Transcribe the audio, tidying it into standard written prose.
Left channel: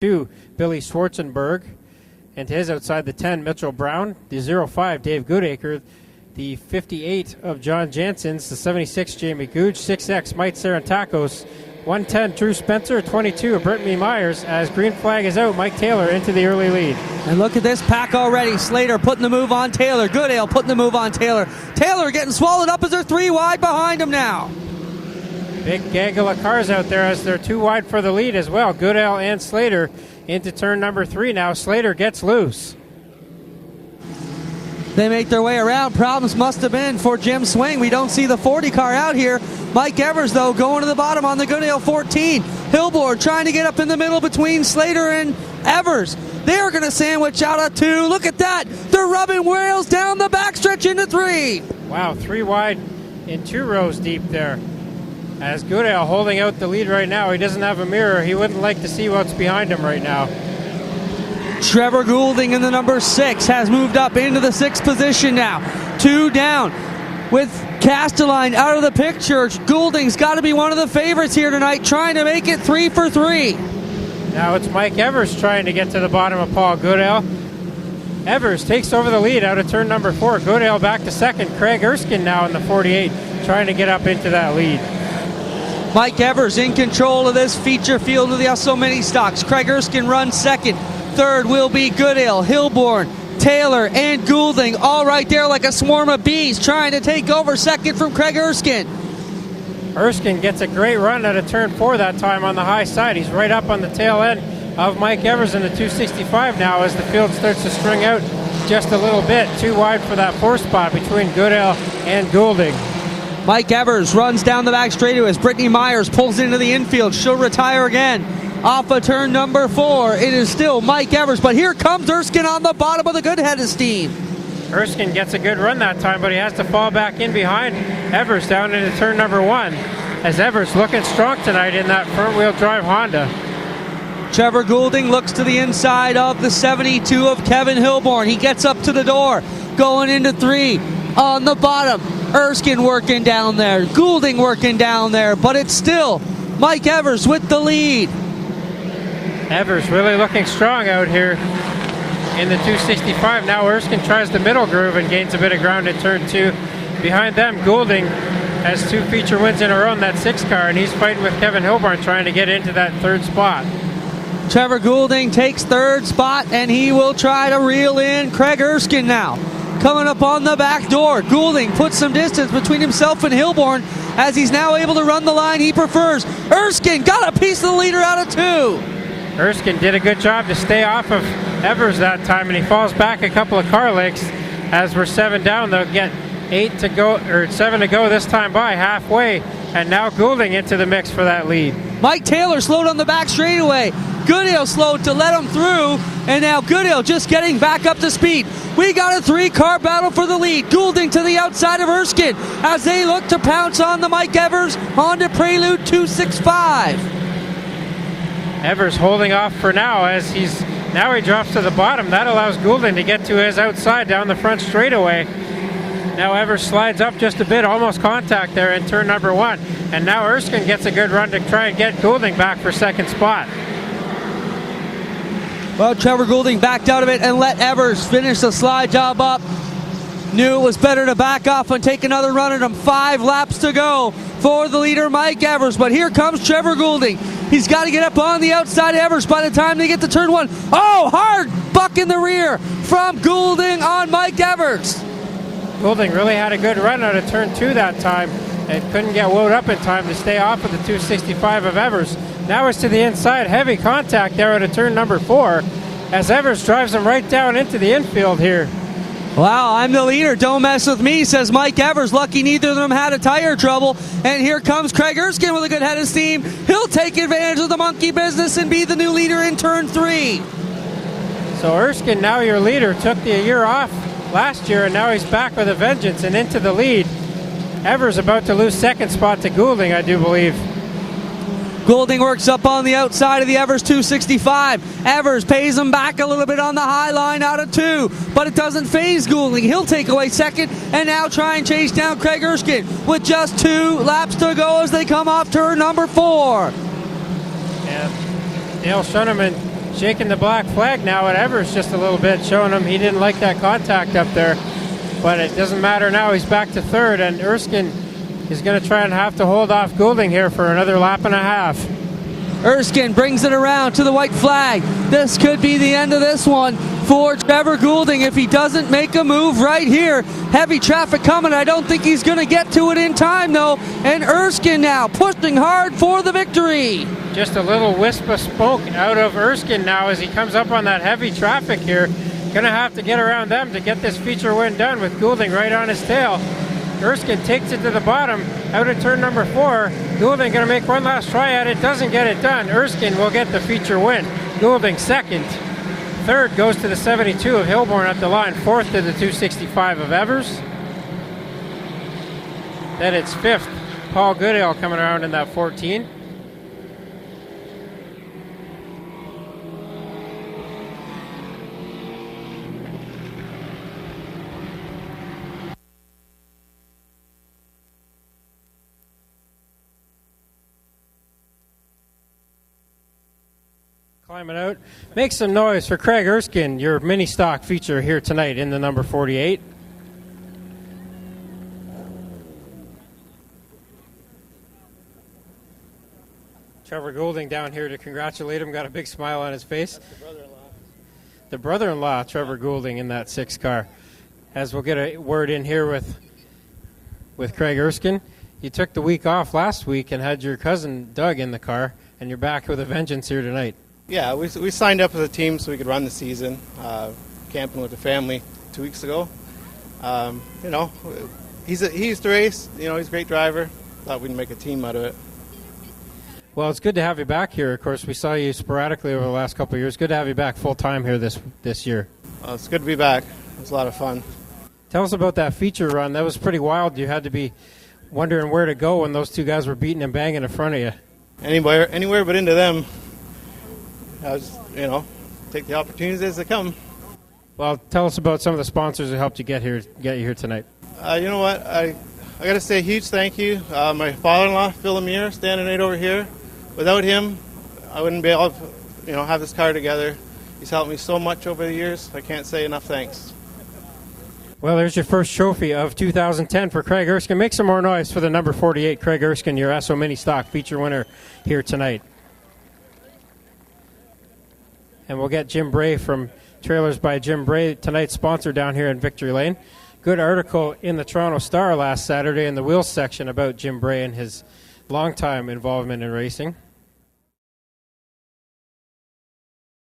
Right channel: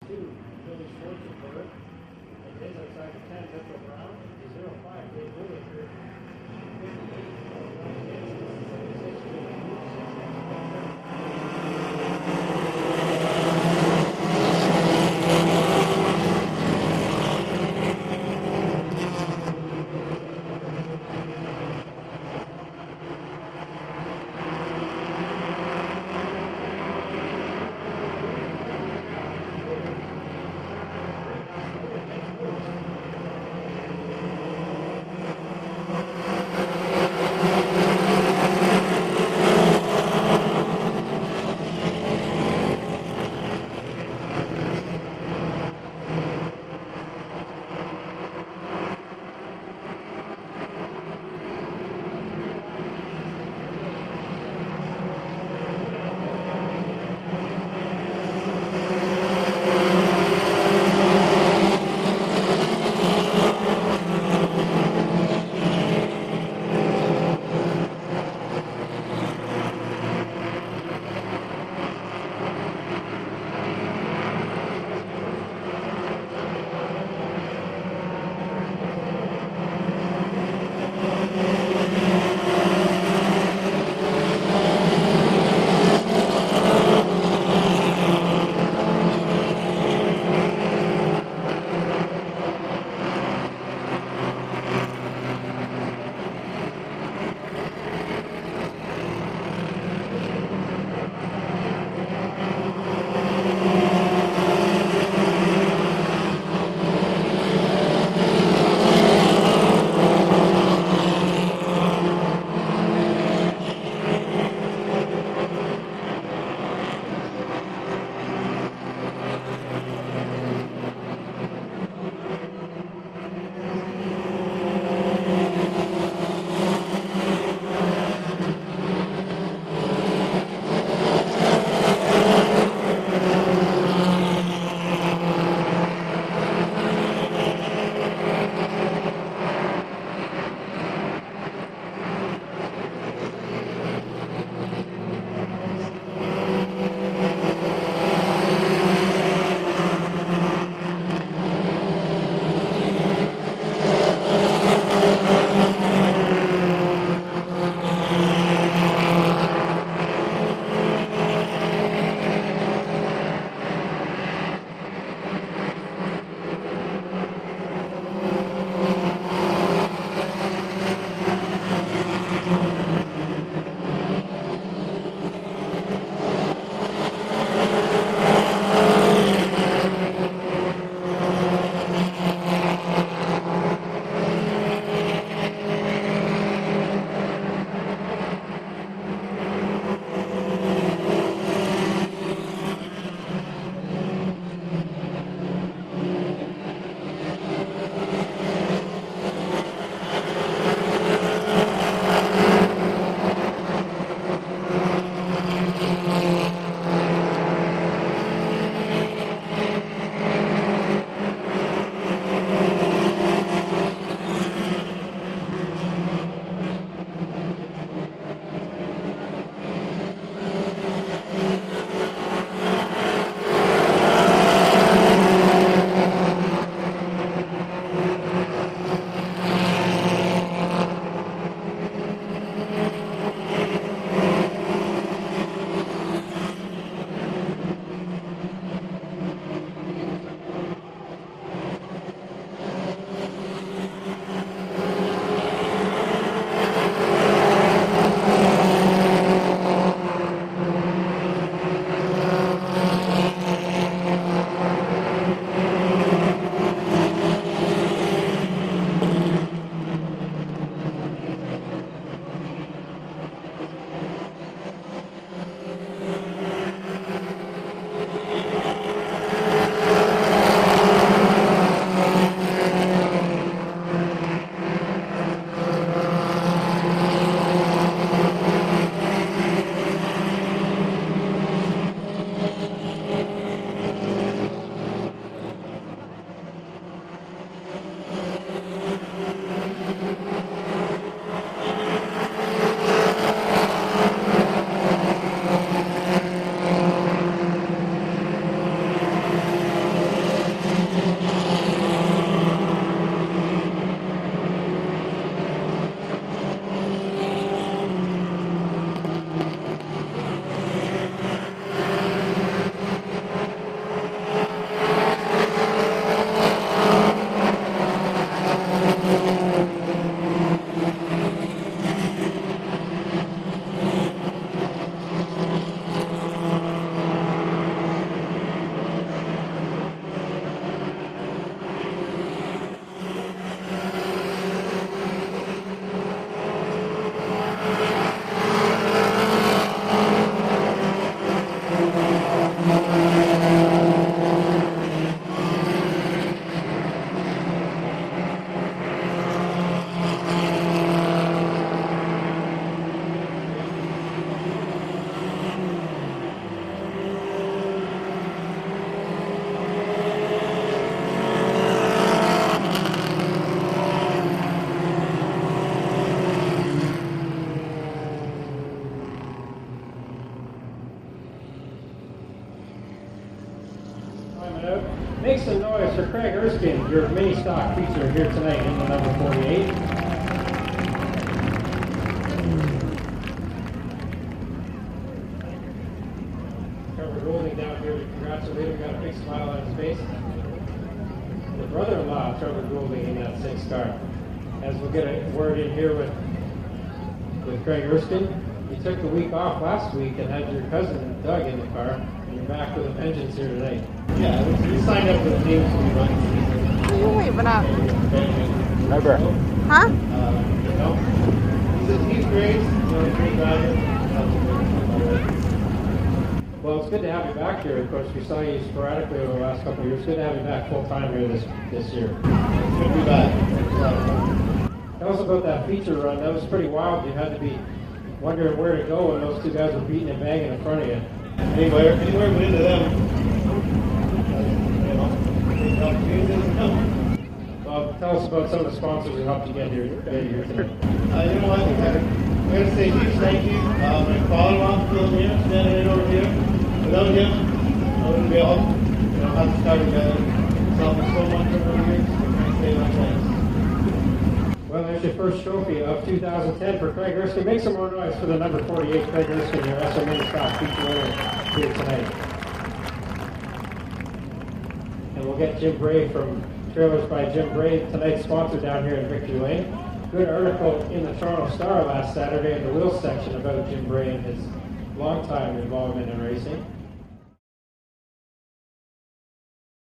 2, Billy Schwarzenberg. And to his outside the 10, Mitchell Brown. The 05, Dave Goodacre. The 58 of John Janssens. The 76, Jamie Goudge. 6X, Mike Sarantakos. 110, Drew Spencer. 22, Brittany Myers. As green flag is out, Mike Taylor into the early lead. And look at this pack already. Slater putting the move on Taylor. Goodale putting the move on Taylor. Taylor getting swallowed up as they're 3 wide behind him now. Big gaggle of cars out there as they're 2 wide for the lead as well. Goodale and Slater into turn number 3 now. Slater gets loose. They make their way around. Problems must have been for Jim Swing. We don't see the 40 car out here. Mike Evers, though, going to the bottom on the Goodale 14. Hilborn trying to get up in the middle between Slater and Evers. They're going to sandwich out a 2. Look at that. They're rubbing wheels down the backstretch into 3. Wow, 3 wide in 2 rows deep there. As Goodale holding out the lead right now. He doesn't have a mirror. He wouldn't like to see what's behind him right now. Trevor Goulding in the number 6 has moved up into the 6th position now. 2 down with Castelline out of the picture. Goulding's got to be one of the favorites here tonight, trying to make it 3 for 3. Now it's Mike Evers trying to get to the bottom of Paul Goodale. Evers takes over the lead out of turn number 4. Goodale back to second. Craig Erskine now in the 48 trying to get up into that lead. Mike Evers in control of this feature field of the ESSO Ministocks. Craig Erskine runs second. Third will be Goodale, Hilborn, Taylor, and Goulding, all right there like a swarm of bees trying to take over second from Craig Erskine. Erskine gets a great run out of turn 4 that time on the high side. He's right up on the tail end of Mike Evers in the 265 now as the field starts to string out just a little bit. 2 wide for that 4 spot between Goodale and Goulding. Mike Evers runs down the back straightaway as Brittany Myers pulls into the infield. She'll retire again off of turn number 4. It is still Mike Evers, but here comes Erskine on the bottom of the good head of steam. Erskine gets a good run that time, but he has to fall back in behind Evers down into turn number 1. As Evers looking strong tonight in that front-wheel drive Honda. Trevor Goulding looks to the inside of the 72 of Kevin Hilborn. He gets up to the door, going into 3 on the bottom. Erskine working down there, Goulding working down there, but it's still Mike Evers with the lead. Evers really looking strong out here in the 265. Now Erskine tries the middle groove and gains a bit of ground in turn 2. Behind them, Goulding has 2 feature wins in a row in that 6 car, and he's fighting with Kevin Hilborn trying to get into that 3rd spot. Trevor Goulding takes 3rd spot, and he will try to reel in Craig Erskine now. Coming up on the back door, Goulding puts some distance between himself and Hilborn as he's now able to run the line he prefers. Erskine got a piece of the leader out of 2. Erskine did a good job to stay off of Evers that time, and he falls back a couple of car lengths as we're 7 down. They'll get 8 to go, or 7 to go this time by halfway, and now Goulding into the mix for that lead. Mike Taylor slowed on the back straightaway. Goodale slowed to let him through, and now Goodale just getting back up to speed. We got a 3-car battle for the lead. Goulding to the outside of Erskine as they look to pounce on the Mike Evers Honda Prelude 265. Evers holding off for now as he drops to the bottom. That allows Goulding to get to his outside down the front straightaway. Now Evers slides up just a bit, almost contact there in turn number 1. And now Erskine gets a good run to try and get Goulding back for 2nd spot. Well, Trevor Goulding backed out of it and let Evers finish the slide job up. Knew it was better to back off and take another run at him. 5 laps to go for the leader, Mike Evers. But here comes Trevor Goulding. He's got to get up on the outside of Evers by the time they get to turn 1. Oh, hard buck in the rear from Goulding on Mike Evers. Goulding really had a good run out of turn 2 that time and couldn't get wound up in time to stay off of the 265 of Evers. Now it's to the inside, heavy contact there out of turn number 4 as Evers drives him right down into the infield here. Wow, I'm the leader, don't mess with me, says Mike Evers. Lucky neither of them had a tire trouble. And here comes Craig Erskine with a good head of steam. He'll take advantage of the monkey business and be the new leader in turn 3. So Erskine, now your leader, took the year off last year, and now he's back with a vengeance and into the lead. Evers about to lose 2nd spot to Goulding, I do believe. Goulding works up on the outside of the Evers 265. Evers pays him back a little bit on the high line out of 2, but it doesn't faze Goulding. He'll take away 2nd and now try and chase down Craig Erskine with just 2 laps to go as they come off turn number 4. And Dale Schoeneman shaking the black flag now at Evers just a little bit, showing him he didn't like that contact up there. But it doesn't matter now. He's back to third, and Erskine is going to try and have to hold off Goulding here for another lap and a half. Erskine brings it around to the white flag. This could be the end of this one for Trevor Goulding if he doesn't make a move right here. Heavy traffic coming. I don't think he's going to get to it in time, though. And Erskine now pushing hard for the victory. Just a little wisp of smoke out of Erskine now as he comes up on that heavy traffic here. Going to have to get around them to get this feature win done with Goulding right on his tail. Erskine takes it to the bottom, out of turn number 4. Goulding going to make one last try at it, doesn't get it done. Erskine will get the feature win. Goulding second. Third goes to the 72 of Hilborn at the line. Fourth to the 265 of Evers. Then it's fifth. Paul Goodale coming around in that 14. Out. Make some noise for Craig Erskine, your Ministock feature here tonight in the number 48. Trevor Goulding down here to congratulate him, got a big smile on his face. The brother-in-law, Trevor Goulding, in that 6 car. As we'll get a word in here with Craig Erskine. You took the week off last week and had your cousin Doug in the car, and you're back with a vengeance here tonight. Yeah, we signed up with the team so we could run the season. Wait, but Yeah, with the family 2 weeks ago. huh? You know, he used to race. You know, he's a great driver. Thought we'd make a team out of it. Well, it's good to have you back here. Of course, we saw you sporadically over the last couple of years. Good to have you back full time here this year. It's good to be back. It's a lot of fun. Tell us about that feature run. That was pretty wild. You had to be wondering where to go when those 2 guys were beating and banging in front of you. Anywhere but into them. I just, you know, take the opportunities as they come. Well, tell us about some of the sponsors who helped you get you here tonight. You know what? I got to say a huge thank you. My father-in-law, Phil Lemire, standing right over here. Without him, I wouldn't be able to, you know, have this car together. He's helped me so much over the years. I can't say enough thanks. Well, there's your first trophy of 2010 for Craig Erskine. Make some more noise for the number 48, Craig Erskine, your ESSO Ministock feature winner here tonight. And we'll get Jim Bray from Trailers by Jim Bray, tonight's sponsor down here in Victory Lane. Good article in the Toronto Star last Saturday in the wheels section about Jim Bray and his long-time involvement in racing.